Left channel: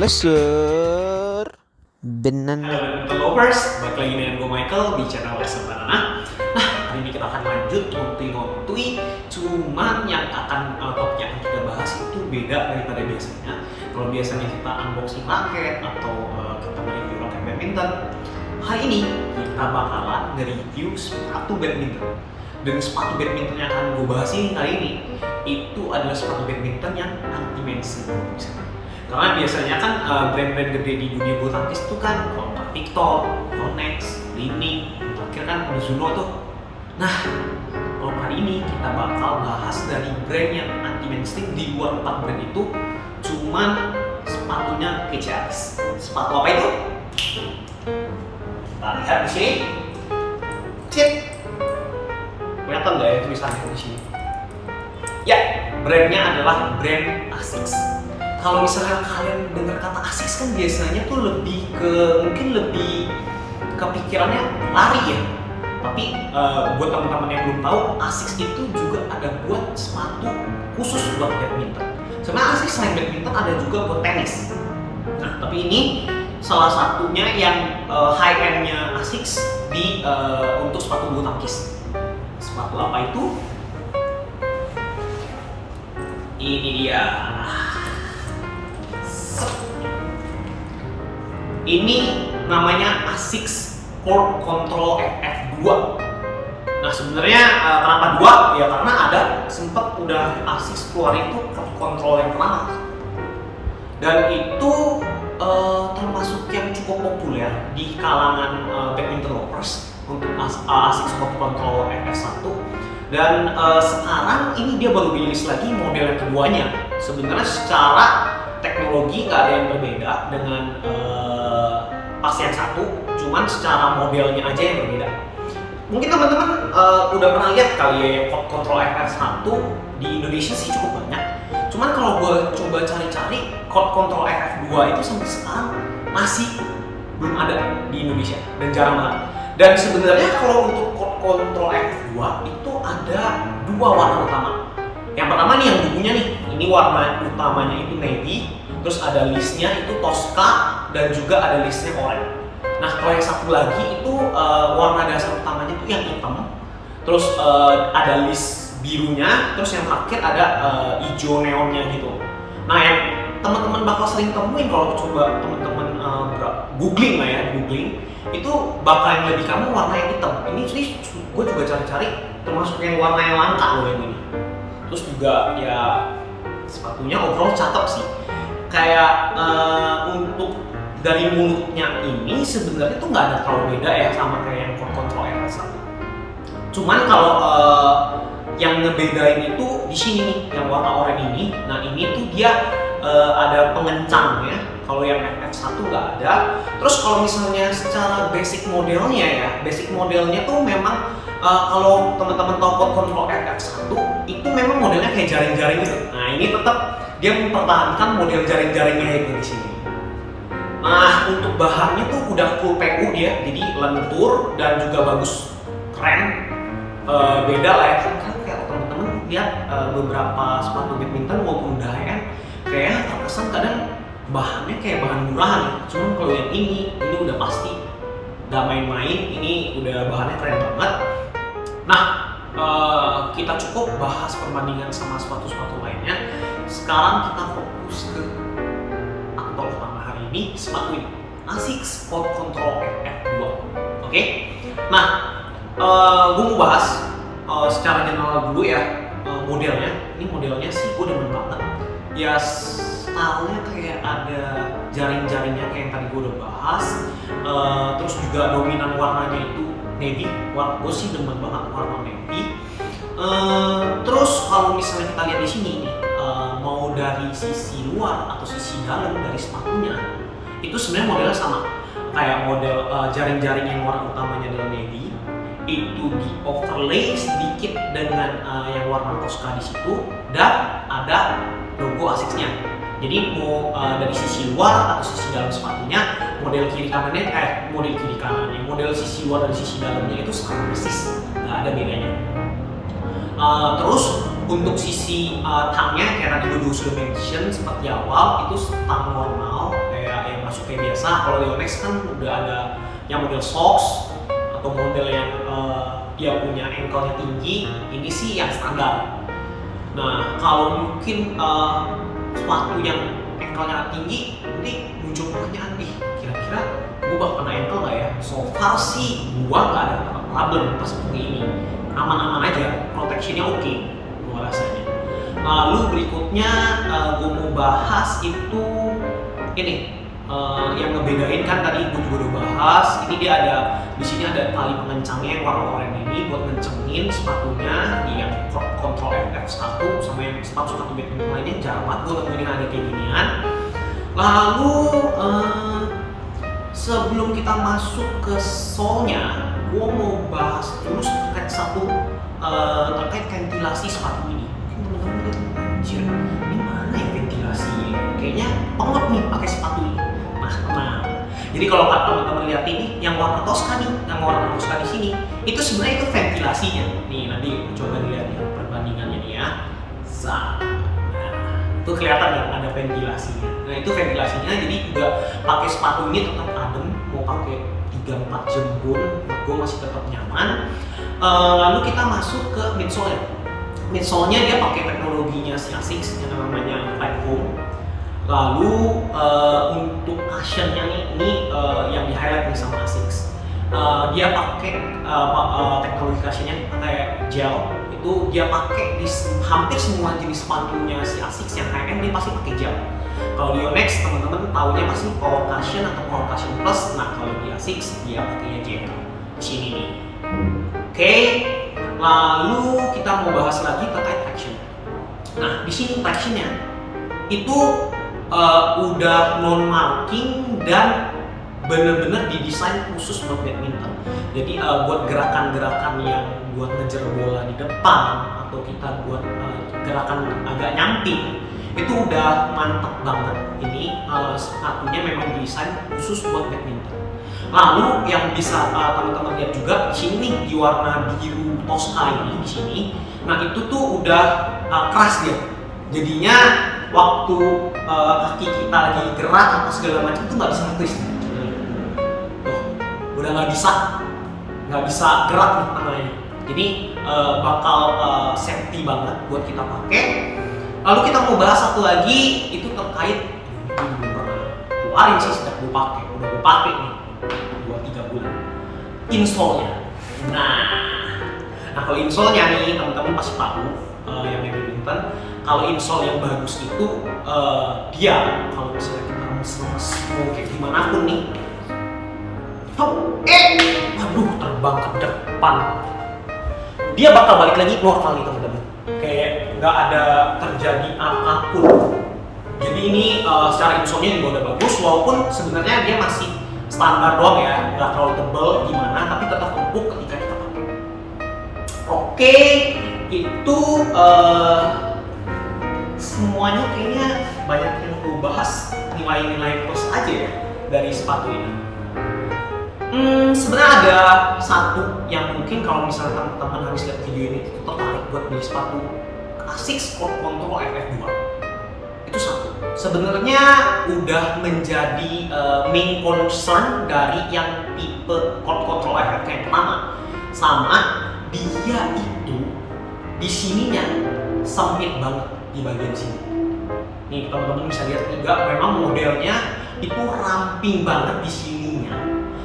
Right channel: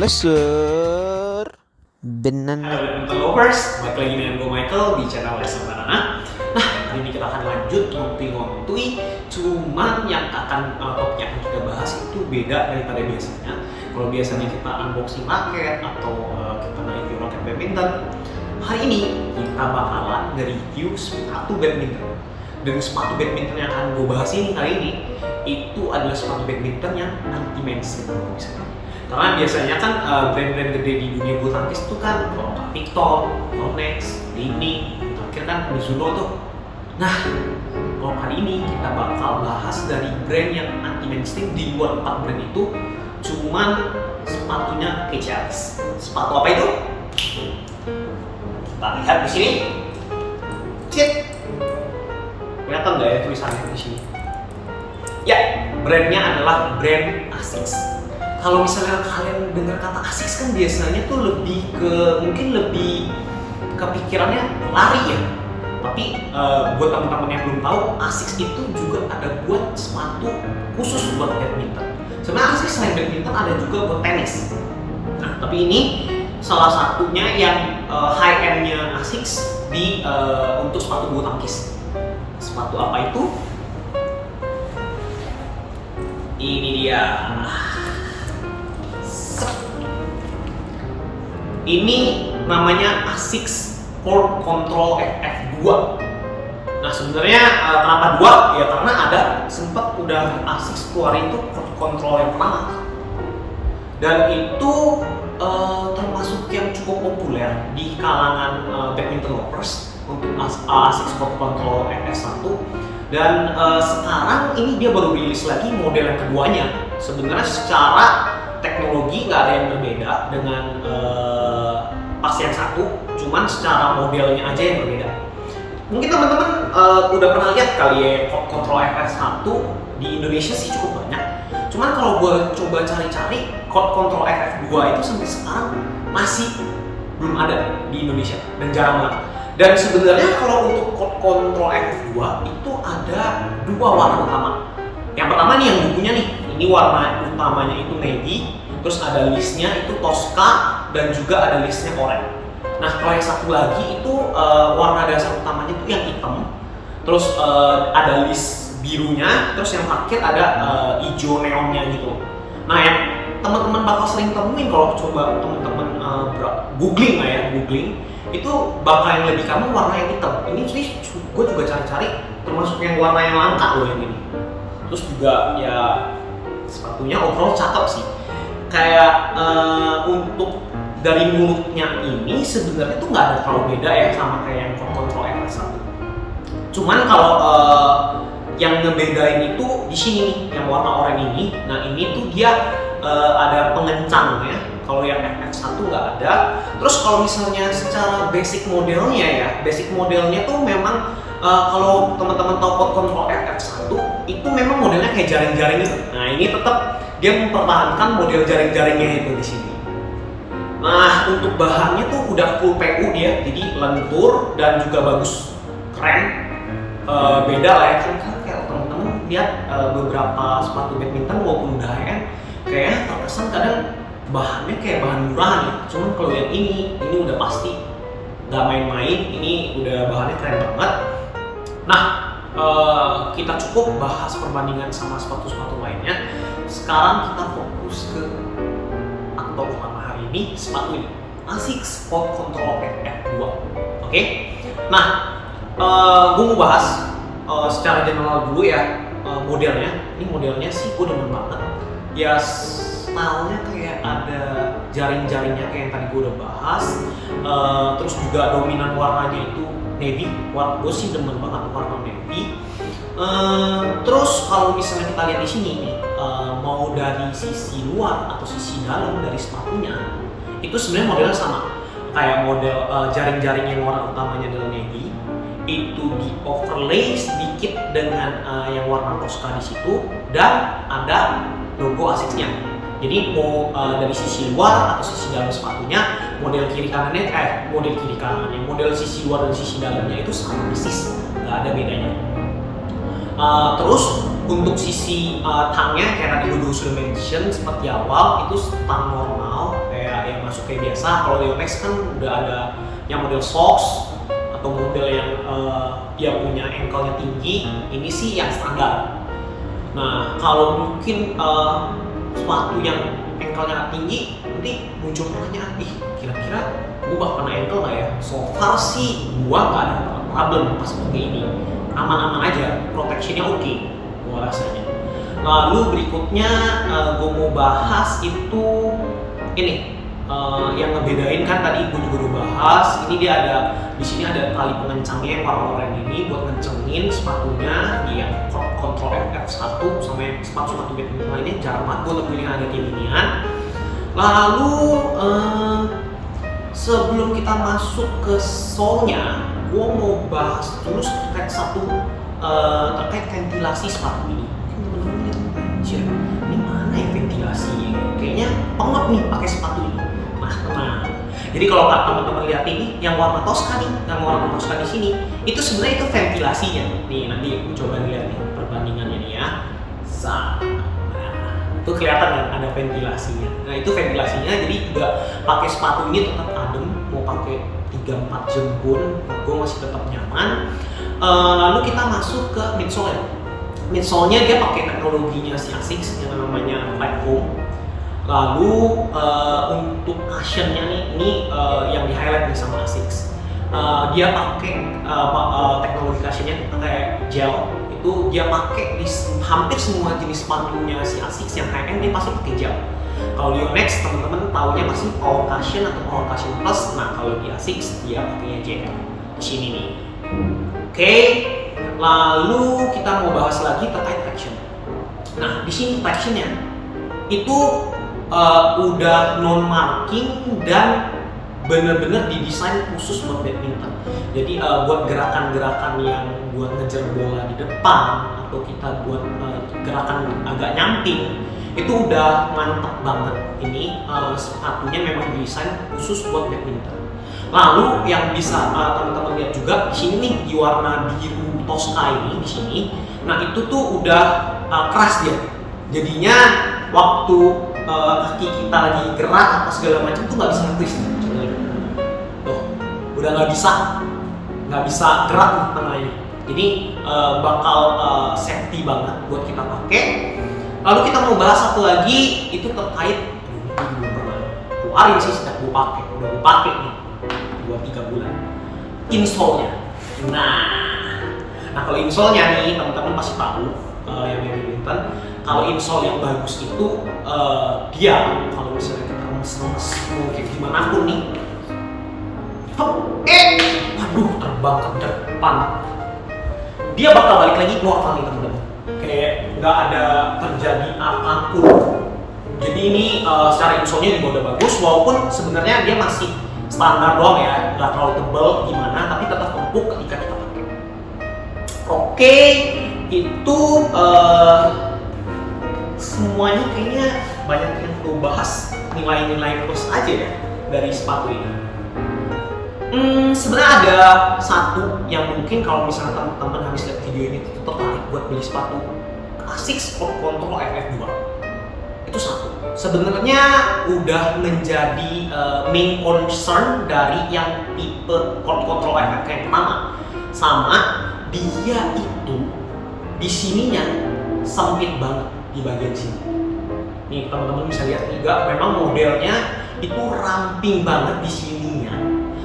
Lesser Banana. Halo badminton lovers, balik lagi dengan gue Michael di channel Lesser Banana. Nah, hari ini kita akan lanjut ngontui-ngontui. Cuman yang topik yang akan kita bahas itu beda daripada biasanya. Kalau biasanya kita unboxing raket atau kita nge-review raket badminton, hari ini kita bakalan nge-review sepatu badminton. Dan sepatu badminton yang akan gue bahas ini kali ini itu adalah sepatu badminton yang anti mainstream misalnya. Karena biasanya kan brand-brand gede di dunia bulu tangkis itu kan kalau nggak Victor, Yonex, Li-Ning, terakhir kan Mizuno tuh. Nah, kalau kali ini kita bakal bahas dari brand yang anti mainstream di luar 4 brand itu, cuman sepatunya kece abis. Sepatu apa itu? Kita lihat di sini. Cip. Kelihatan nggak ya tulisannya di sini? Ya, brandnya adalah brand Asics. Kalau misalnya kalian dengar kata Asics kan biasanya tuh mungkin lebih kepikirannya lari ya. Tapi buat teman-teman yang belum tahu, Asics itu juga ada buat sepatu khusus buat badminton. Sebenarnya Asics selain badminton ada juga buat tenis. Nah, tapi ini salah satunya yang high end-nya Asics untuk sepatu bulu tangkis. Sepatu apa itu? Ini dia. Ini namanya Asics Court Control FF2. Nah, sebenarnya kenapa 2? Ya karena ada sempat udah Asics keluar itu Court Control yang pertama. Dan itu termasuk yang cukup populer di kalangan badminton lovers untuk Asics Court Control FF1. Dan sekarang ini dia baru rilis lagi model yang keduanya. Sebenarnya secara teknologi nggak ada yang berbeda dengan pas yang satu, cuman secara modelnya aja yang berbeda. Mungkin teman-teman udah pernah lihat kali ya yang Control FF1 di Indonesia sih cukup banyak. Cuman kalau gue coba cari-cari, Control FF2 itu sampai sekarang masih belum ada di Indonesia dan jarang banget. Dan sebenarnya kalau untuk Control FF2 itu ada 2 warna utama. Yang pertama nih yang bukunya nih, ini warna utamanya itu navy, terus ada listnya itu Tosca, dan juga ada listnya oranye. Nah, kalau yang satu lagi itu warna dasar utamanya itu yang hitam, terus ada list birunya, terus yang terakhir ada hijau neonnya gitu. Nah, yang teman-teman bakal sering temuin kalau coba teman-teman googling itu bakal yang lebih common warna yang hitam. Ini sih gue juga cari-cari termasuk yang warna yang langka loh yang ini. Terus juga ya sepatunya overall cakep sih. Kayak untuk dari mulutnya ini sebenarnya tuh nggak ada terlalu beda ya sama kayak yang Control FF1. Cuman kalau yang ngebedain itu di sini nih, yang warna oranye ini. Nah, ini tuh dia ada pengencang ya. Kalau yang FF1 nggak ada. Terus kalau misalnya secara basic modelnya tuh memang kalau teman-teman tahu Control FF1 itu memang modelnya kayak jaring-jaring gitu. Nah, ini tetap dia mempertahankan model jaring-jaringnya itu di sini. Nah, untuk bahannya tuh udah full PU dia, jadi lentur dan juga bagus, keren. Beda lah ya kan kayak teman-teman lihat beberapa sepatu badminton walaupun udah high-end kayak terkesan kadang bahannya kayak bahan murahan ya. Cuman kalau yang ini udah pasti nggak main-main, ini udah bahannya keren banget. Nah, kita cukup bahas perbandingan sama sepatu-sepatu lainnya. Sekarang kita fokus ke aktor utama hari ini, sepatu ini, Asics Court Control FF2. Oke? Nah, gue mau bahas secara general dulu ya modelnya. Ini modelnya sih gue demen banget. Ya stylenya kayak ada jaring-jaringnya kayak yang tadi gue udah bahas. Terus juga dominan warnanya itu navy. Gue sih demen banget warna navy. Terus kalau misalnya kita lihat di sini nih, mau dari sisi luar atau sisi dalam dari sepatunya, itu sebenarnya modelnya sama. Kayak model jaring-jaring yang warna utamanya adalah navy, itu di overlay sedikit dengan yang warna Tosca di situ, dan ada logo Asics-nya. Jadi mau dari sisi luar atau sisi dalam sepatunya, model sisi luar dan sisi dalamnya itu sama persis, nggak ada bedanya. Terus untuk sisi tangnya kayak tadi gue juga sudah mention seperti awal, itu tang normal masuk kayak biasa. Kalau Yonex kan udah ada yang model socks atau model yang dia punya ankle-nya tinggi. Ini sih yang standar. Nah, kalau mungkin sepatu yang ankle-nya tinggi, nanti muncul pertanyaan, kira-kira gue bakal kena ankle nggak ya? So far sih gue nggak ada problem pas pakai ini, aman-aman aja, protectionnya oke, gue rasanya. Lalu berikutnya gue mau bahas itu ini yang ngebedain kan tadi gue juga udah bahas. Ini dia ada di sini ada tali pengencangnya yang warna oranye ini buat ngencengin sepatunya di yang Control FF1 sama yang sepatu-sepatu badminton lainnya. Jarang banget gue nemuin yang ada kayak ginian. Lalu sebelum kita masuk ke sole-nya, gue mau bahas dulu terkait ventilasi sepatu ini. Mungkin teman-teman lihat, anjir, ini mana ya ventilasinya? Kayaknya pengep nih pakai sepatu ini. Nah, tenang. Jadi kalau teman-teman lihat ini, yang warna Tosca nih, di sini, itu sebenarnya itu ventilasinya. Nih, nanti coba dilihat nih perbandingannya nih ya. Itu kelihatan kan ada ventilasinya. Nah, itu ventilasinya, jadi juga pakai sepatu ini tetap adem, mau pakai 3-4 jembun, gue masih tetap nyaman. Lalu kita masuk ke midsole. Midsole-nya dia pakai teknologinya si Asics yang namanya Flat Foam. Lalu untuk cushionnya nih, ini yang di highlight nih sama Asics. Dia pakai teknologi cushionnya pakai gel. Itu dia pakai di hampir semua jenis sepatunya si Asics yang high end, dia pasti pakai gel. Kalau di Yonex teman-teman taunya pasti Power Cushion atau Power Cushion Plus. Nah, kalau di Asics dia pakainya gel di sini nih. Oke, lalu kita mau bahas lagi terkait traction. Nah, di sini tractionnya itu udah non marking dan bener-bener didesain khusus buat badminton. Jadi buat gerakan-gerakan yang buat ngejar bola di depan atau kita buat gerakan agak nyamping, itu udah mantep banget. Ini sepatunya memang didesain khusus buat badminton. Lalu yang bisa teman-teman lihat juga di sini nih di warna biru Tosca ini di sini. Nah, itu tuh udah keras dia. Jadinya waktu kaki kita lagi gerak apa segala macam tuh nggak bisa nge-twist nih. Udah nggak bisa gerak nih tengah ini. Jadi bakal safety banget buat kita pakai. Lalu kita mau bahas satu lagi, itu terkait ini gue belum pernah keluarin sih sejak gue pakai. Udah gue pakai nih 2-3 bulan. Insole-nya. Nah kalau insole-nya nih teman-teman pasti tahu yang badminton. Kalau insole yang bagus itu dia kalau misalnya kita remes-remes mau kayak gimana pun nih, waduh, terbang ke depan, dia bakal balik lagi normal nih teman-teman, kayak nggak ada terjadi apapun. Jadi ini secara insole-nya juga udah bagus, walaupun sebenarnya dia masih standar doang ya, nggak terlalu tebal gimana, tapi tetap empuk ketika kita pakai. Oke, itu semuanya kayaknya banyak yang gue bahas, nilai-nilai plus aja ya dari sepatu ini. Sebenarnya ada satu yang mungkin kalau misalnya teman-teman habis lihat video ini tertarik buat beli sepatu Asics Court Control FF2. Itu satu. Sebenarnya udah menjadi main concern dari yang tipe Court Control FF yang pertama. Sama dia itu di sininya sempit banget di bagian sini. Nih teman-teman bisa lihat nih, memang modelnya itu ramping banget di sininya.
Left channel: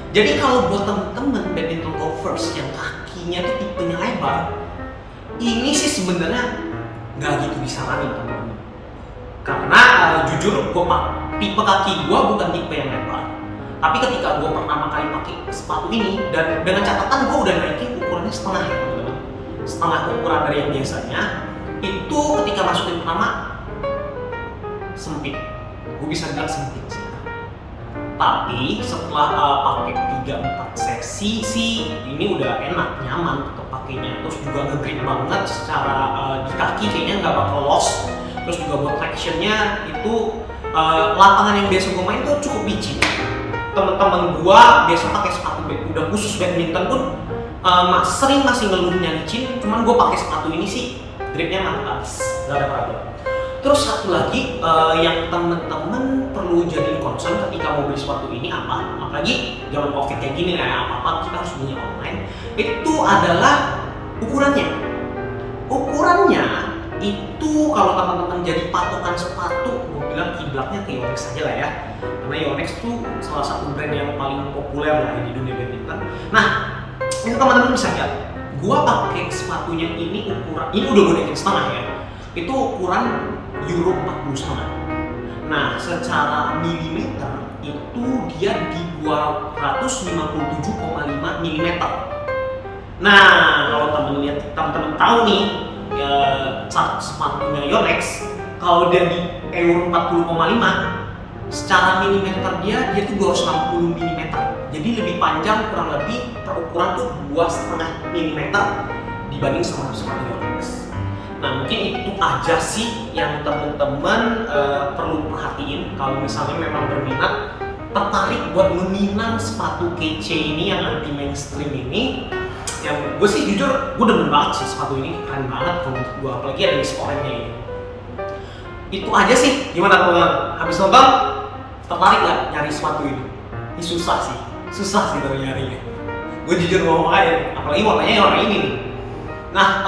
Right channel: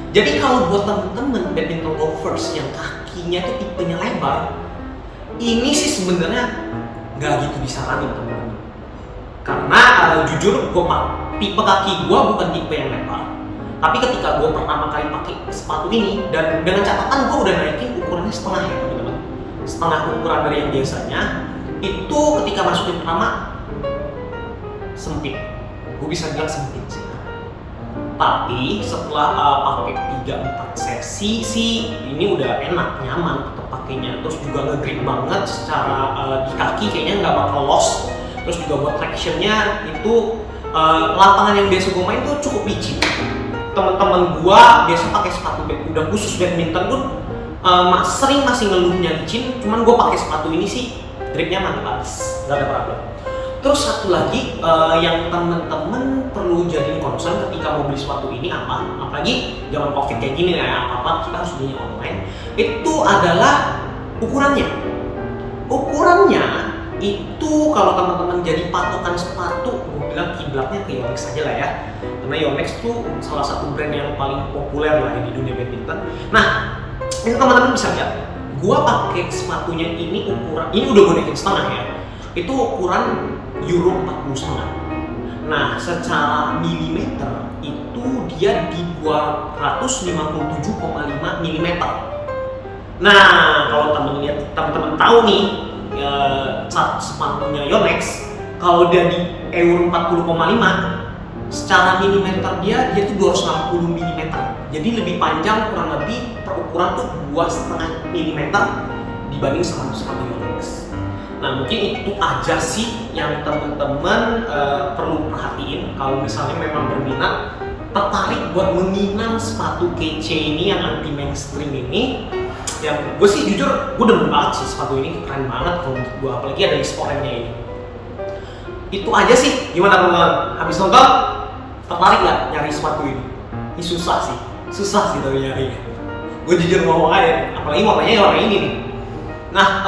Jadi kalau buat temen-temen badminton golfers yang kakinya tuh tipenya lebar, ini sih sebenarnya nggak gitu disaranin temen-temen. Karena jujur tipe kaki gue bukan tipe yang lebar. Tapi ketika gue pertama kali pakai sepatu ini, dan dengan catatan gue udah naikin ukurannya setengah ya teman-teman, setengah ukuran dari yang biasanya. Itu ketika masukin pertama sempit, gue bisa bilang sempit sih. Tapi setelah pakai 3-4 sesi sih ini udah enak, nyaman tetap pakainya. Terus juga nge-grip banget secara di kaki, kayaknya nggak bakal loss. Terus juga buat tractionnya itu lapangan yang biasa gue main tuh cukup licin. Temen-temen gue biasa pakai sepatu udah khusus badminton pun sering masih ngeluhnya licin. Cuman gue pakai sepatu ini sih gripnya mantap abis, nggak ada problem. Terus satu lagi yang temen-temen perlu jadiin concern ketika mau beli sepatu ini apa? Apalagi zaman covid kayak gini ya, apa-apa kita harus belinya online. Itu adalah ukurannya. Ukurannya itu kalau teman-teman jadi patokan sepatu, gue bilang kiblatnya ke Yonex aja lah ya. Karena Yonex tuh salah satu brand yang paling populer lah ya di dunia badminton. Nah, ini teman-teman bisa lihat, gua pakai sepatunya ini ukuran, ini udah gue naikin setengah ya. Itu ukuran Euro 40,5. Nah, secara milimeter itu dia di 257,5 mm. Nah, kalau teman-teman tahu nih chart sepatunya Yonex, kalau dia di Euro 40,5 secara milimeter dia tuh 260 mm. Jadi lebih panjang kurang lebih per ukuran tuh 2,5 mm dibanding sama sepatu Yonex. Nah, mungkin itu aja sih yang teman-teman perlu perhatiin kalau misalnya memang berminat, tertarik buat menginang sepatu kece ini yang anti mainstream ini. Yang gue sih jujur, gue demen banget sih sepatu ini, keren banget kalau menurut gue, apalagi ada list orange-nya ini. Itu aja sih, gimana teman-teman? Habis nonton, tertarik nggak nyari sepatu ini? Ini susah sih tapi nyarinya. Gue jujur ngomong aja, apalagi warnanya warna ini nih. Nah,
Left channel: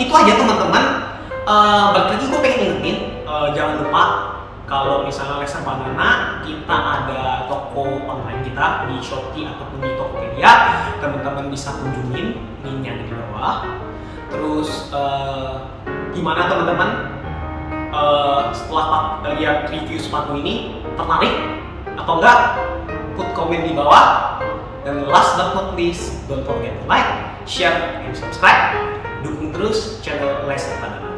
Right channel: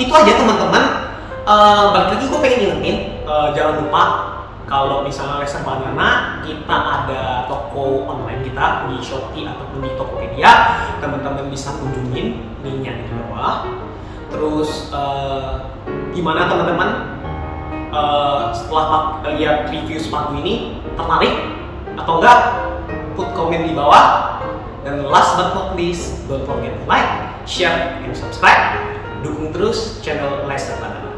itu aja teman-teman. Balik lagi gue pengen ingetin, jangan lupa kalau misalnya Lexer Banana, kita ada toko online kita di Shopee ataupun di Tokopedia. Teman-teman bisa kunjungin, linknya di bawah. Terus gimana teman-teman? Setelah lihat review sepatu ini, tertarik atau enggak? Put komen di bawah. Dan last but not least, don't forget to like, share, and subscribe. Dukung terus channel Lexer Banana.